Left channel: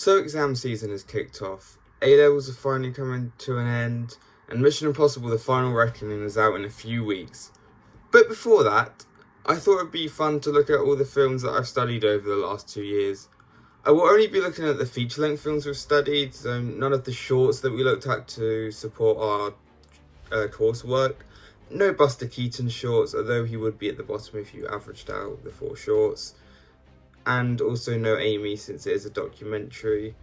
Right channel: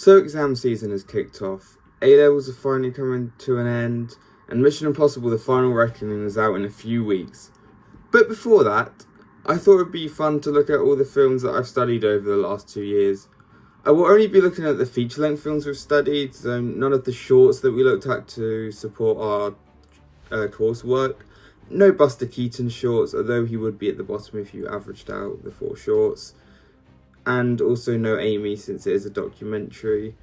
So exam season has kicked off, A-levels are finally coming to an end, and Mission Impossible The Final Reckoning is out in a few weeks. But before that, I thought it would be fun to look at all the films that I've studied over the last 2 years. I will only be looking at the feature-length films we've studied, so none of the shorts that we looked at to support our coursework. No Buster Keaton shorts, although he would be at the bottom if you averaged out the 4 shorts. And also no Amy, since it is a documentary.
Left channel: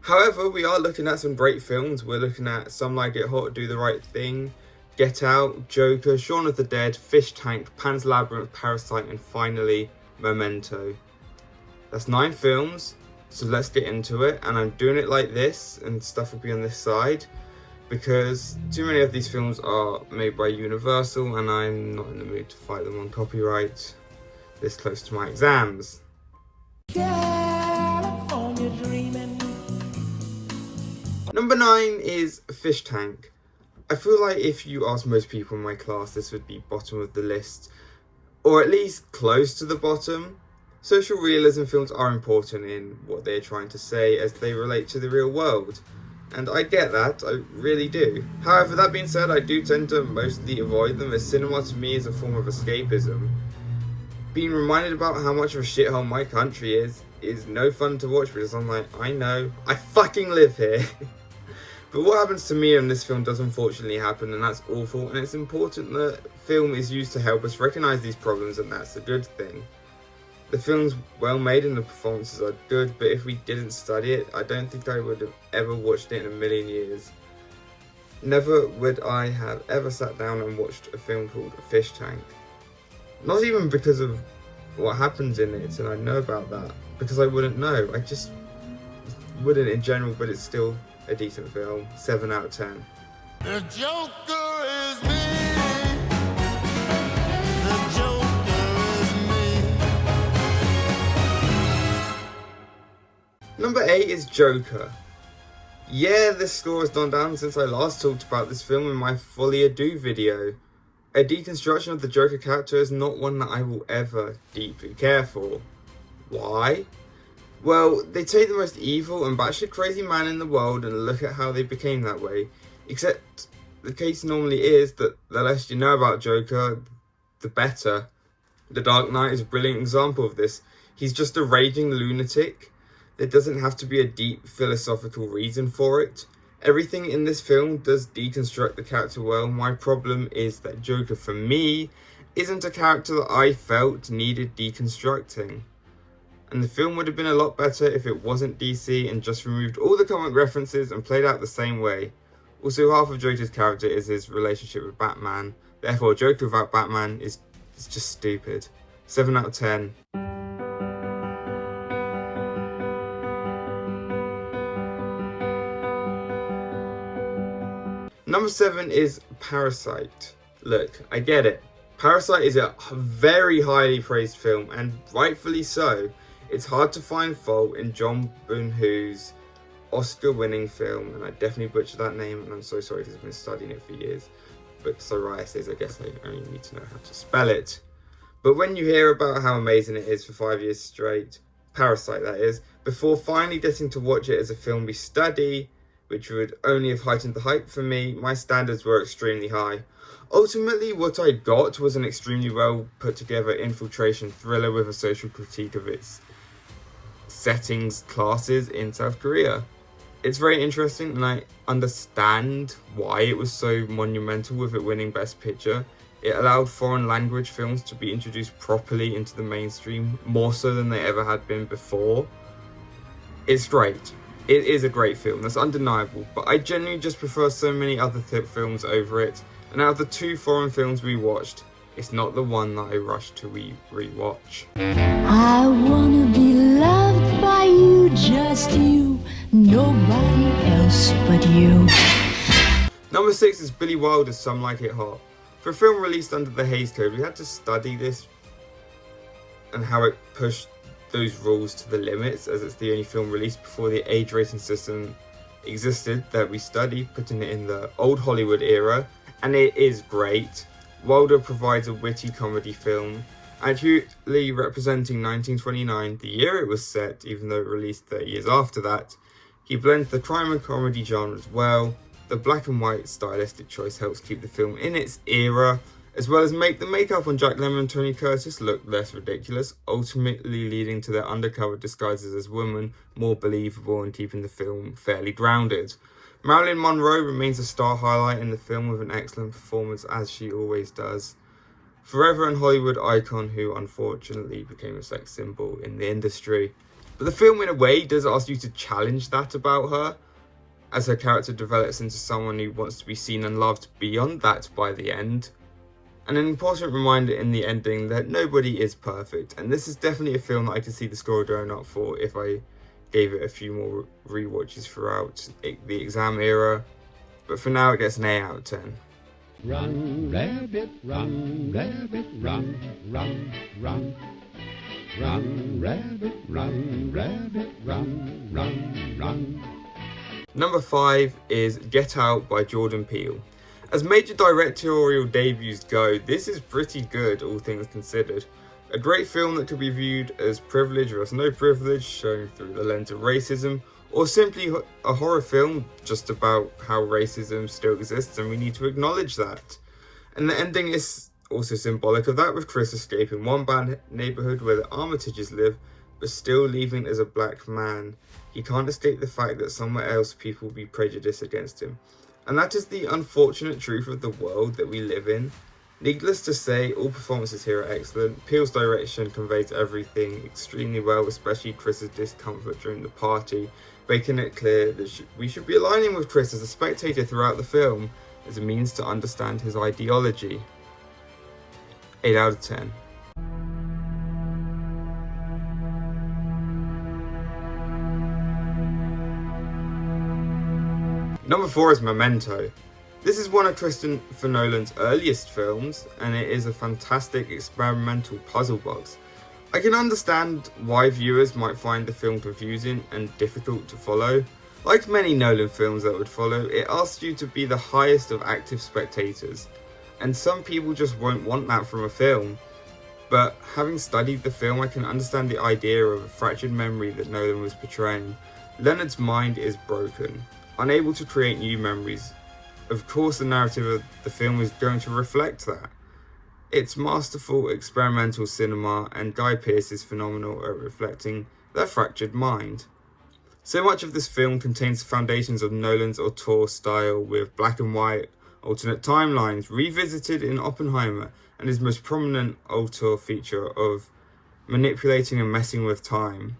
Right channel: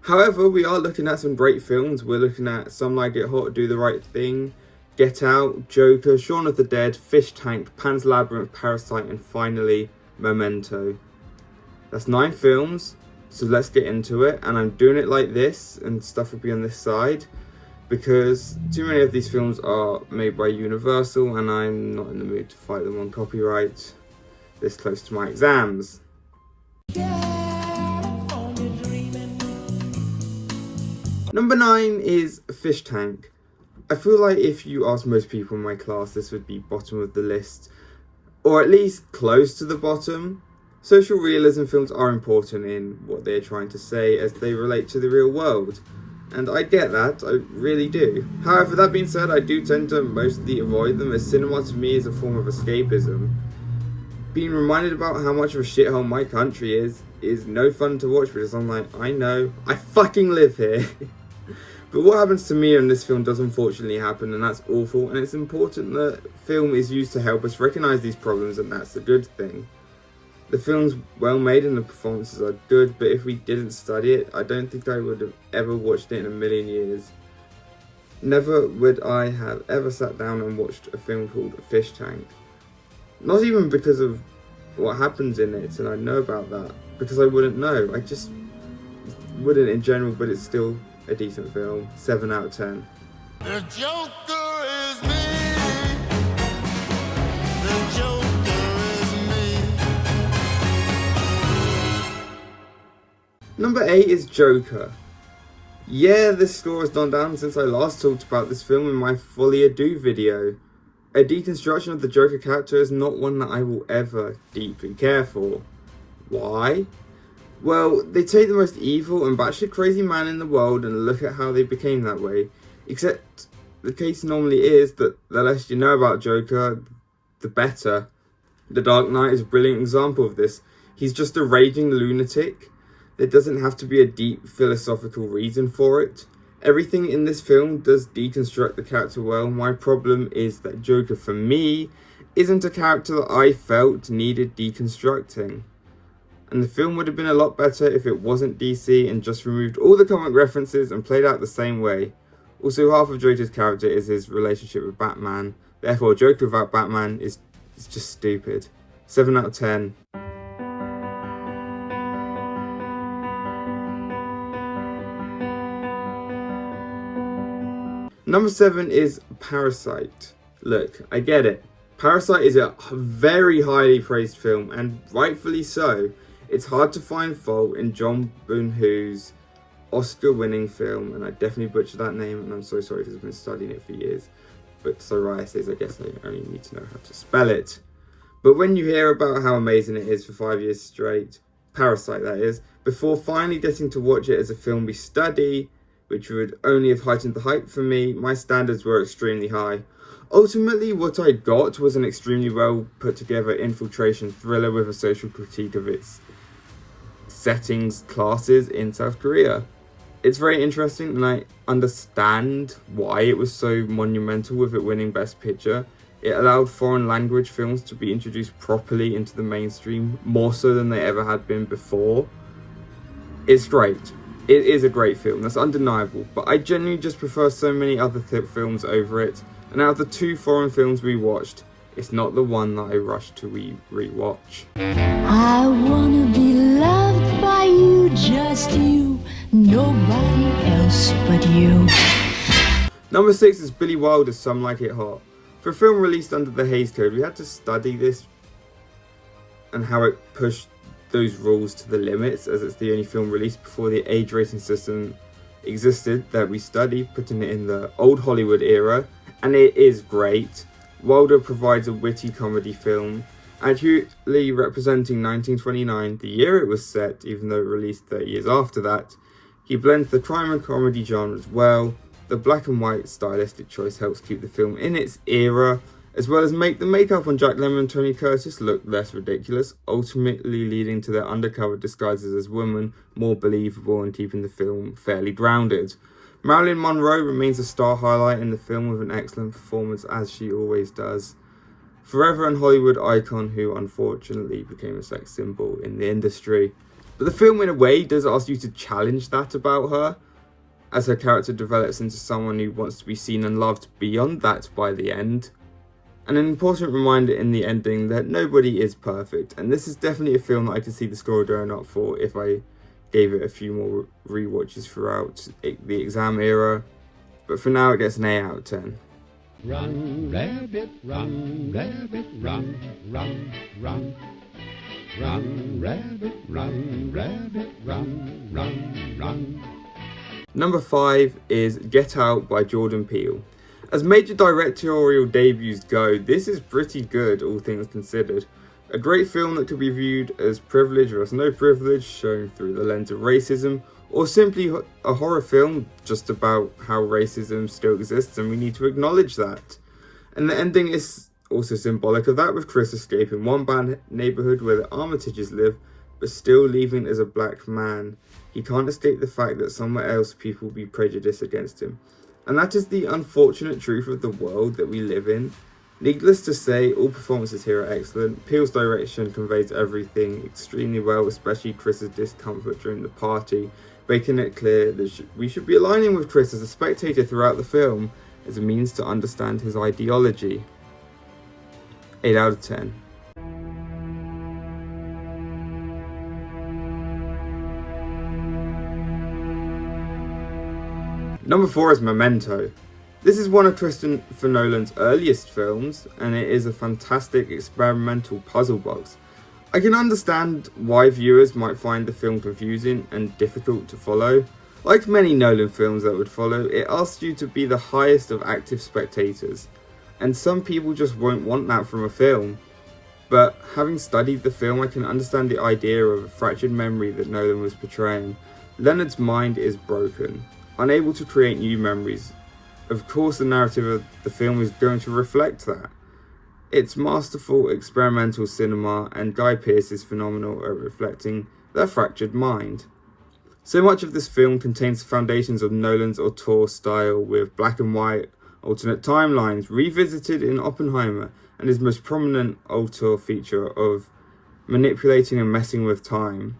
However, we are looking at some great films. We're looking at Some Like It Hot, Do the Right Thing, Get Out, Joker, Shaun of the Dead, Fish Tank, Pan's Labyrinth, Parasite, and finally, Memento. That's 9 films, so let's get into it. And I'm doing it like this, and stuff will be on this side, because too many of these films are made by Universal, and I'm not in the mood to fight them on copyright this close to my exams. Number 9 is Fish Tank. I feel like if you ask most people in my class, this would be bottom of the list, or at least close to the bottom. Social realism films are important in what they're trying to say as they relate to the real world, and I get that, I really do. However, that being said, I do tend to mostly avoid them, as cinema to me is a form of escapism. Being reminded about how much of a shithole my country is no fun to watch, because I'm like, I know, I fucking live here. But what happens to me in this film does unfortunately happen, and that's awful, and it's important that film is used to help us recognise these problems, and that's a good thing. The film's well made and the performances are good, but if we didn't study it, I don't think I would have ever watched it in a million years. Never would I have ever sat down and watched a film called Fish Tank. Not even because of what happens in it, and I know about that, because I wouldn't know. I just wouldn't in general, but it's still a decent film. 7 out of 10. The Joker is me. The Joker is me. Number 8 is Joker. Yeah, this score has gone down since I last talked about this film in my Fully Ado video. A deconstruction of the Joker character is not one that I will ever deeply care for. Why? Well, they take the most evil and batshit crazy man in the world and look at how they became that way. Except the case normally is that the less you know about Joker, the better. The Dark Knight is a brilliant example of this. He's just a raging lunatic. There doesn't have to be a deep philosophical reason for it. Everything in this film does deconstruct the character well. My problem is that Joker, for me, isn't a character that I felt needed deconstructing. And the film would have been a lot better if it wasn't DC and just removed all the comic references and played out the same way. Also, half of Joker's character is his relationship with Batman. Therefore, Joker without Batman is just stupid. 7 out of 10. Number 7 is Parasite. Look, I get it. Parasite is a very highly praised film, and rightfully so. It's hard to find fault in John Boon-Hoo's Oscar-winning film, and I definitely butchered that name, and I'm so sorry because I've been studying it for years. But psoriasis, I guess I only need to know how to spell it. But when you hear about how amazing it is for 5 years straight, Parasite that is, before finally getting to watch it as a film we study, which would only have heightened the hype for me, my standards were extremely high. Ultimately, what I got was an extremely well put together infiltration thriller with a social critique of its settings, classes in South Korea. It's very interesting, and I understand why it was so monumental with it winning Best Picture. It allowed foreign language films to be introduced properly into the mainstream, more so than they ever had been before. It's great. It is a great film, that's undeniable, but I genuinely just prefer so many other films over it, and out of the 2 foreign films we watched, it's not the one that I rushed to rewatch. I wanna be loved by you, just you, nobody else but you. Number 6 is Billy Wilder's Some Like It Hot. For a film released under the Hays Code, we had to study this and how it pushed those rules to the limits, as it's the only film released before the age rating system existed that we study, putting it in the old Hollywood era, and it is great. Wilder provides a witty comedy film, accurately representing 1929, the year it was set, even though it released 30 years after that. He blends the crime and comedy genres well. The black and white stylistic choice helps keep the film in its era, as well as make the makeup on Jack Lemmon and Tony Curtis look less ridiculous, ultimately leading to their undercover disguises as women more believable and keeping the film fairly grounded. Marilyn Monroe remains a star highlight in the film with an excellent performance, as she always does. Forever an Hollywood icon who unfortunately became a sex symbol in the industry. But the film in a way does ask you to challenge that about her, as her character develops into someone who wants to be seen and loved beyond that by the end. And an important reminder in the ending that nobody is perfect, and this is definitely a film that I could see the score going up for if I gave it a few more rewatches throughout the exam era. But for now it gets an 8 out of 10. Run, rabbit, run, rabbit, run, run, run. Run, rabbit, run, rabbit, run, run, run. Number 5 is Get Out by Jordan Peele. As major directorial debuts go, this is pretty good, all things considered. A great film that could be viewed as privilege versus no privilege, shown through the lens of racism, or simply a horror film just about how racism still exists and we need to acknowledge that. And the ending is also symbolic of that, with Chris escaping one bad neighbourhood where the Armitages live, but still leaving as a black man. He can't escape the fact that somewhere else people will be prejudiced against him. And that is the unfortunate truth of the world that we live in. Needless to say, all performances here are excellent. Peele's direction conveys everything extremely well, especially Chris's discomfort during the party, making it clear that we should be aligning with Chris as a spectator throughout the film as a means to understand his ideology. 8 out of 10. Number 4 is Memento. This is one of Christopher Nolan's earliest films, and it is a fantastic experimental puzzle box. I can understand why viewers might find the film confusing and difficult to follow. Like many Nolan films that would follow, it asks you to be the highest of active spectators, and some people just won't want that from a film. But having studied the film, I can understand the idea of a fractured memory that Nolan was portraying. Leonard's mind is broken, unable to create new memories. Of course, the narrative of the film is going to reflect that. It's masterful experimental cinema, and Guy Pearce is phenomenal at reflecting that fractured mind. So much of this film contains the foundations of Nolan's auteur style, with black and white alternate timelines revisited in Oppenheimer, and his most prominent auteur feature of manipulating and messing with time,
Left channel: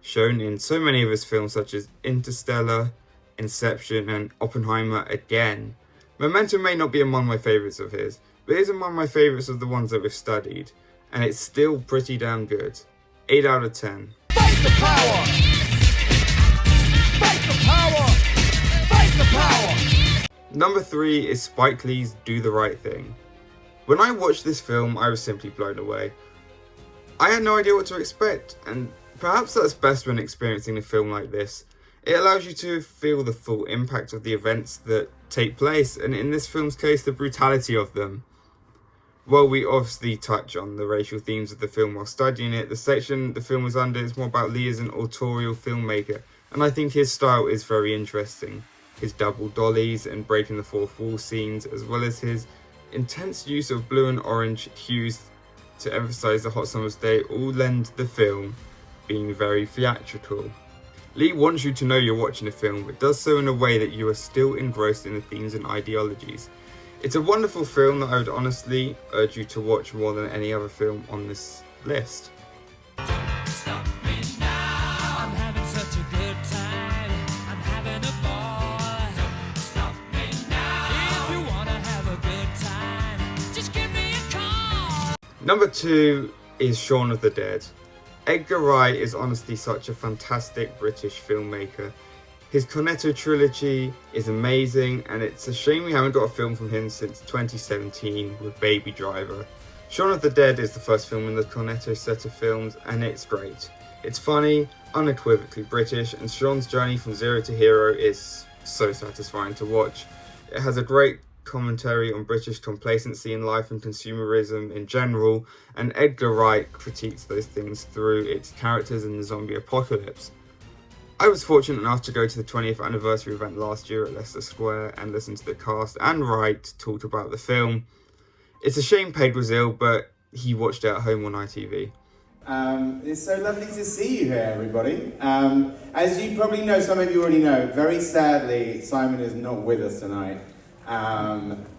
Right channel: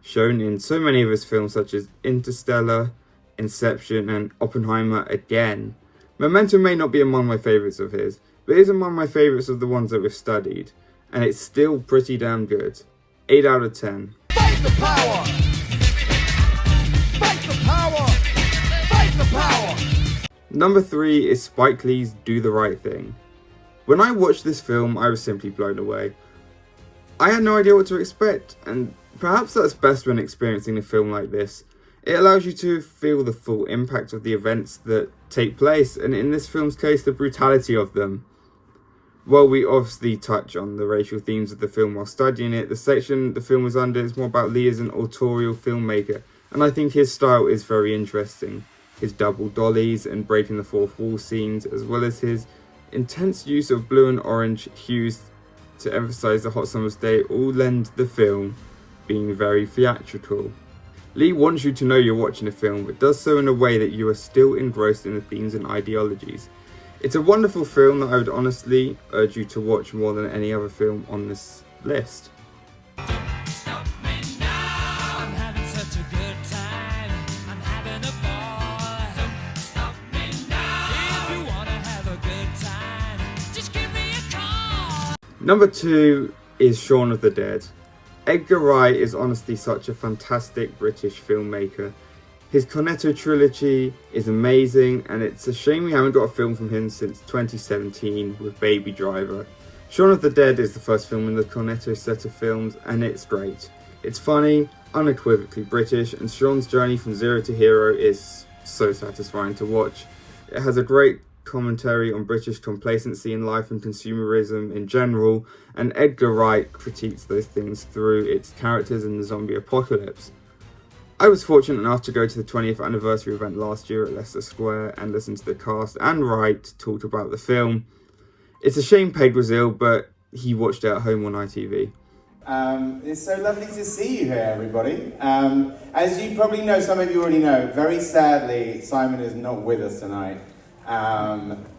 shown in so many of his films such as Interstellar, Inception, and Oppenheimer again. Memento may not be among my favourites of his, but it is among my favourites of the ones that we've studied, and it's still pretty damn good. 8 out of 10. Fight the power! Fight the power! Fight the power! Number 3 is Spike Lee's Do the Right Thing. When I watched this film, I was simply blown away. I had no idea what to expect, and perhaps that's best when experiencing a film like this. It allows you to feel the full impact of the events that take place, and in this film's case, the brutality of them. While we obviously touch on the racial themes of the film while studying it, the section the film was under is more about Lee as an autorial filmmaker, and I think his style is very interesting. His double dollies and breaking the fourth wall scenes, as well as his intense use of blue and orange hues to emphasize the hot summer's day, all lend the film being very theatrical. Lee wants you to know you're watching a film, but does so in a way that you are still engrossed in the themes and ideologies. It's a wonderful film that I would honestly urge you to watch more than any other film on this list. Stop me now. I'm having such a good time. I'm having a ball. Don't stop me now. If you wanna have a good time, just give me a call. Number 2 is Shaun of the Dead. Edgar Wright is honestly such a fantastic British filmmaker. His Cornetto trilogy is amazing, and it's a shame we haven't got a film from him since 2017 with Baby Driver. Shaun of the Dead is the first film in the Cornetto set of films, and it's great. It's funny, unequivocally British, and Shaun's journey from zero to hero is so satisfying to watch. It has a great commentary on British complacency in life and consumerism in general, and Edgar Wright critiques those things through its characters in the zombie apocalypse. I was fortunate enough to go to the 20th anniversary event last year at Leicester Square and listen to the cast and Wright talk about the film. It's a shame Peg was ill, but he watched it at home on ITV. It's so lovely to see you here, everybody. As you probably know, some of you already know, very sadly, Simon is not with us tonight.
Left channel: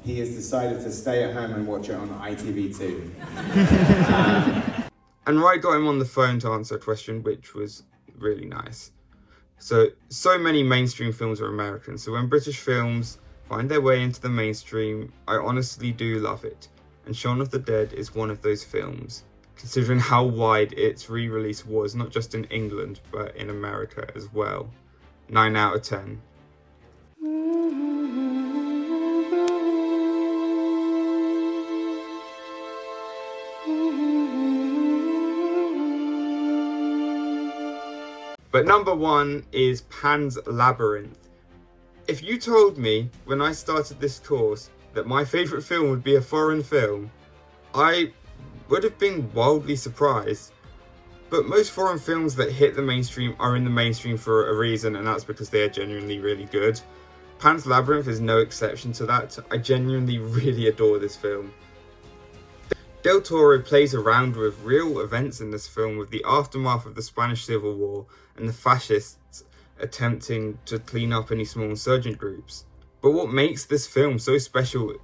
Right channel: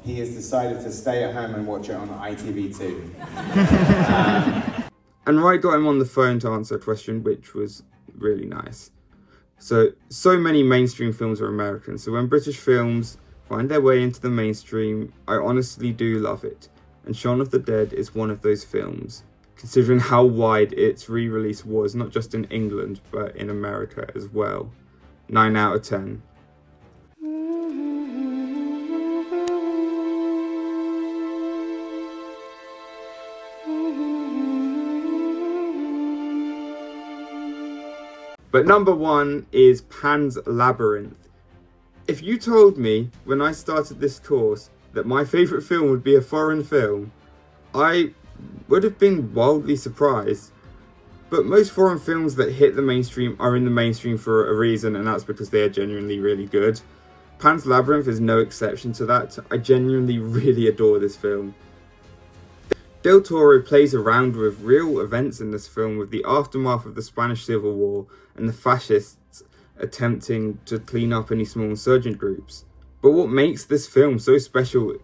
He has decided to stay at home and watch it on ITV2. And Wright got him on the phone to answer a question, which was really nice. So many mainstream films are American, so when British films find their way into the mainstream, I honestly do love it. And Shaun of the Dead is one of those films, considering how wide its re-release was, not just in England, but in America as well. 9 out of 10. But number 1 is Pan's Labyrinth. If you told me when I started this course that my favourite film would be a foreign film, I would have been wildly surprised. But most foreign films that hit the mainstream are in the mainstream for a reason, and that's because they are genuinely really good. Pan's Labyrinth is no exception to that. I genuinely really adore this film. Del Toro plays around with real events in this film, with the aftermath of the Spanish Civil War and the fascists attempting to clean up any small insurgent groups. But what makes this film so special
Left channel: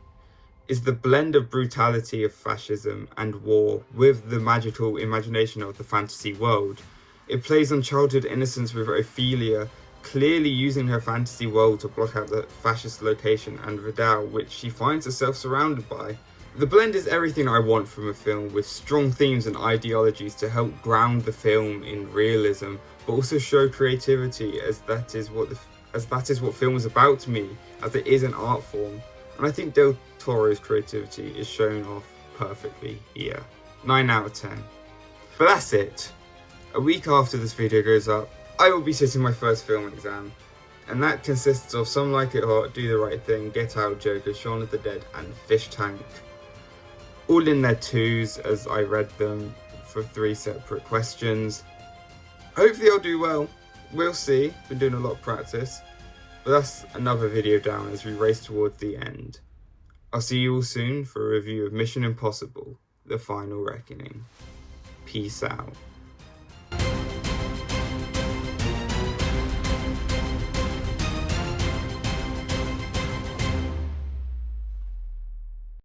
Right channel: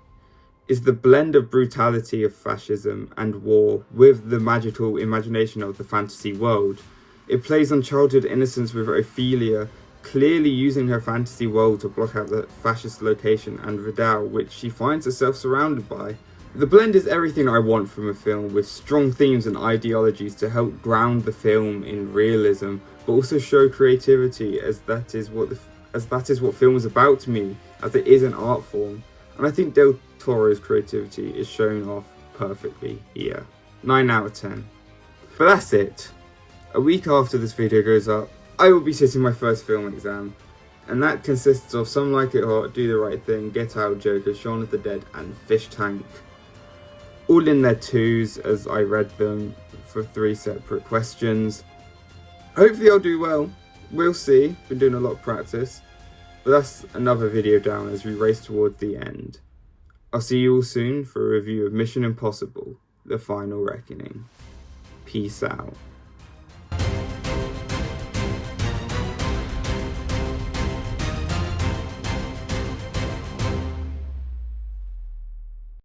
is the blend of brutality of fascism and war with the magical imagination of the fantasy world. It plays on childhood innocence, with Ophelia clearly using her fantasy world to block out the fascist location and Vidal, which she finds herself surrounded by. The blend is everything I want from a film, with strong themes and ideologies to help ground the film in realism, but also show creativity, as that is what film is about to me, as it is an art form. And I think Del Toro's creativity is shown off perfectly here. 9 out of 10. But that's it. A week after this video goes up, I will be sitting my first film exam, and that consists of Some Like It Hot, Do the Right Thing, Get Out, Joker, Shaun of the Dead, and Fish Tank. All in their 2s as I read them for 3 separate questions. Hopefully I'll do well. We'll see. Been doing a lot of practice. But that's another video down as we race towards the end. I'll see you all soon for a review of Mission Impossible: The Final Reckoning. Peace out.